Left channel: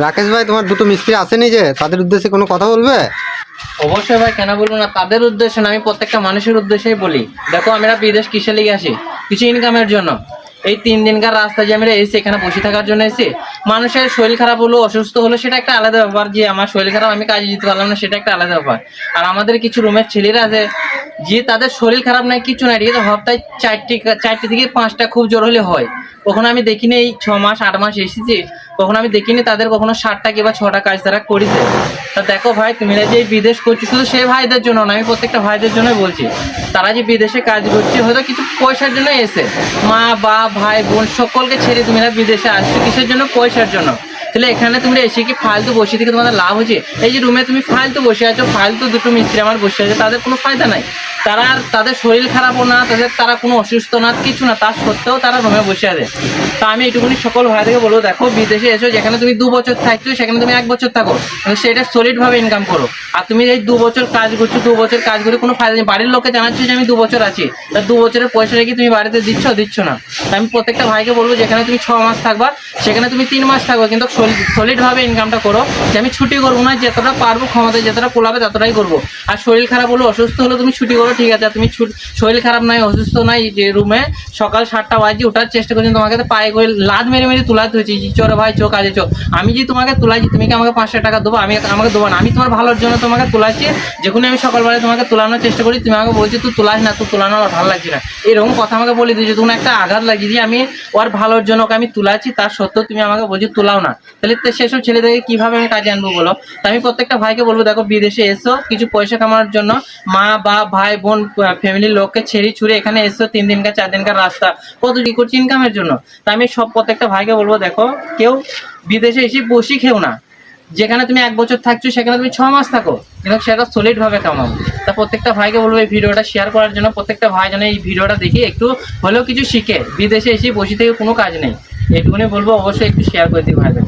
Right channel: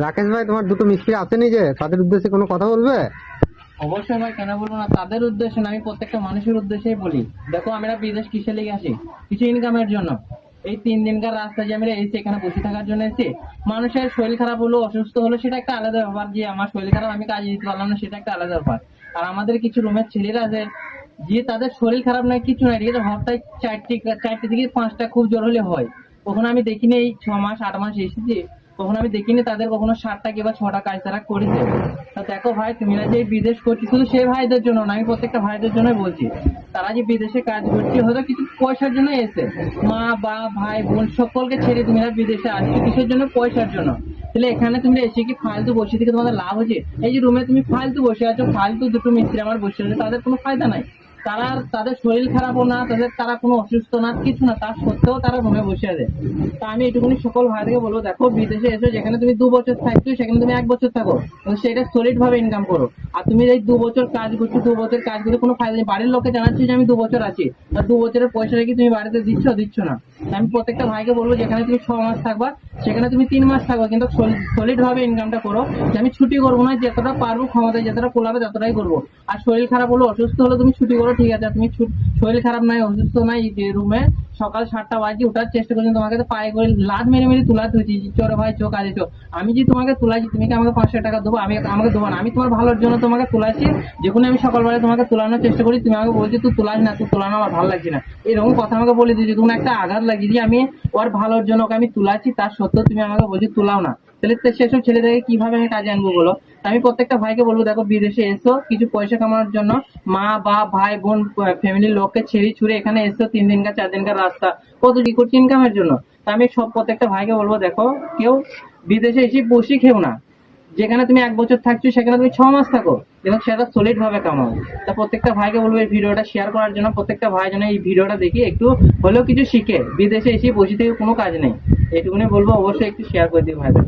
রাকেশ ভাই, তোমার দুটো মিস্ত্রি আসেনি যে, তাদের উদ্দেশ্যে কোনো কথা বলবে? অবশ্যই ভাই, কেন বলবো না। তাদের উদ্দেশ্যে না, আমি প্রত্যেকটা মানুষের উদ্দেশ্যেই বলি। দেখো, আমরা বিদেশ কিসে লিগে আসি? কিছু ইনকামের জন্য। এই 3 দিনকার রাস্তা যে আমরা এসে এখানে বসে থাকার জন্য এসে, মানুষের শরীর খারাপ হলো, অসুস্থ হলো, সেটা একটা আলাদা ব্যাপার। যে আমার শরীর খারাপ, আমি কাজে যেতে পারলাম না, সেটা একটা আলাদা ব্যাপার। আর আমাদের কিছু রুমের ছেলেরা আছে যে তাদের শরীর খারাপ নাই, কিছু নাই, ঠিক আছে, সপ্তাহে 4টি থেকে 5টা খুব জোর হলে হয়। কখনো আমি দেখিনি এই 6 মাস 8 মাস এসেছি, কখনো আমি দেখিনি তাদের কখনো 7টা কিংবা 6টা কাজ তারা করেছে। তা দেখো ভাই, তুমি যে এই বিদেশ করছো, শুধু সেই ভাইদের জন্য না, আমি প্রত্যেকটা ভাইদের জন্যই বলছি। তারা যে বিদেশে কাজ করছে, হয়তো কিছু পয়সার জন্য এসে, মা বাপ ভাই বোন সকলকে ছেড়ে তুমি বিদেশে আসছো কিসের জন্য? পয়সার জন্য। তাহলে এখানে তুমি এসে কি ফালতু বসে থেকে তোমাদের লাভ হচ্ছে? এই যে রুমে তুমি ফালতু বসে আছো, ফালতু দুটো মিস্ত্রি আমার বসে আছে, তাদের কোনো ফায়দা নাই। তাদের শরীর খারাপও না, তারা কোনো অসুস্থ না, কিছু না, তার সত্ত্বেও তারা রুমে বসে আছে। তা আমি এটুকুনি সকল ভাইদেরকে বলবো, দেখো বিদেশে এসো, যেখানে তুমি 2 বছর থাকছো সেখানে তুমি 1 বছর থাকো, সেটা সলিড ভাবে ইনকাম করো। আর তুমি এই 2 বছর কাজ করছো, 2 বছর কাজ করে কোনো ফায়দা নেই। বাড়ির লোককে জানাচ্ছি যে আমি 2 বছর আছি, তা 2 বছরের পয়সা রেখে তুমি বাড়িতে দিচ্ছ না। আমি প্রত্যেকটা ভাইকে বলবো, যেখানে তুমি 6 মাস থাকবা সেখানে তুমি 3 মাস থাকবে, কিন্তু সলিড ভাবে ইনকামটা করো। যে আমি ছুটি করবো না, যতটা পারবো ক্ষমতা যতটা কোলাবে ততটাই করবো। আর শরীর খারাপ হলো, অসুস্থ হলো, তুমি ছুটি করো, ঠিক আছে। তুমি শরীর খারাপ নাই, অসুস্থ নাই, যে রুমে সকাল 7টা বাজে ওঠার চেষ্টা করছি, তোমাকে তো পায়ে করে লাদ মেরে মেরে তুলাতে হয়েছে, চোরে ভাই চো কাজে চো। আমি যে তোমাকে তুলাইছি, তুমি কি আমাকে 500 টাকা দেবো? আমাকে দেবো না। আমি তোমার ভালোর জন্য তোমাকে তুলাচ্ছি। যখন আমি সকালবেলায় তোমাকে তুলানোর চেষ্টা করি, তুমি আমাকে বলছি তুই তুলাস না, তুই তুলানো আমার ভালো লাগছে না, এরকম কথা আমাকে বলে দিয়েছো। তুমি একটা আঘাত লাগিয়ে দিয়ে আমি ওর ভালোর জন্য ওকে আমি তুলাচ্ছি, তার সত্ত্বেও তুমি আমাকে বলছি তুলাও না। তাহলে সেসব ছেলেদেরকে কিভাবে আমি কাজে আনবো বলো? তা আমি প্রত্যেকটা ভাইকে বলবো, দেখো বিদেশে এসো কিছু পয়সা কামানোর জন্য, মা বাপ ভাই বোন ফ্যামিলির লোককে ছেড়ে ছুড়ে এখানে এসো 3 দিনকার 4 দিনকার রাস্তা কত কি করছি ইনকামের জন্য। তা আমি প্রত্যেকটা ভাইকে বলবো, দেখো কেউ বিদেশে এসে বসি খেও না। যেখানে তুমি 1 বছর থাকছো সেখানে তুমি 6 মাস থাকো, কিন্তু সেটা সলিড ভাবে কামাও। তা প্রত্যেকটা ভাইকে বলবো এই ভিডিওটা শেয়ার করার জন্য। প্রত্যেকটা ভাই যেন এই ভিডিওটা দেখি একটু হলেও কিছু শিখে। বিদেশে এসে বসে থেকে কোনো কাজ নেই, এটুকুনি বলবো। অবশ্যই একটু শেয়ার করে দিই ভাইদের।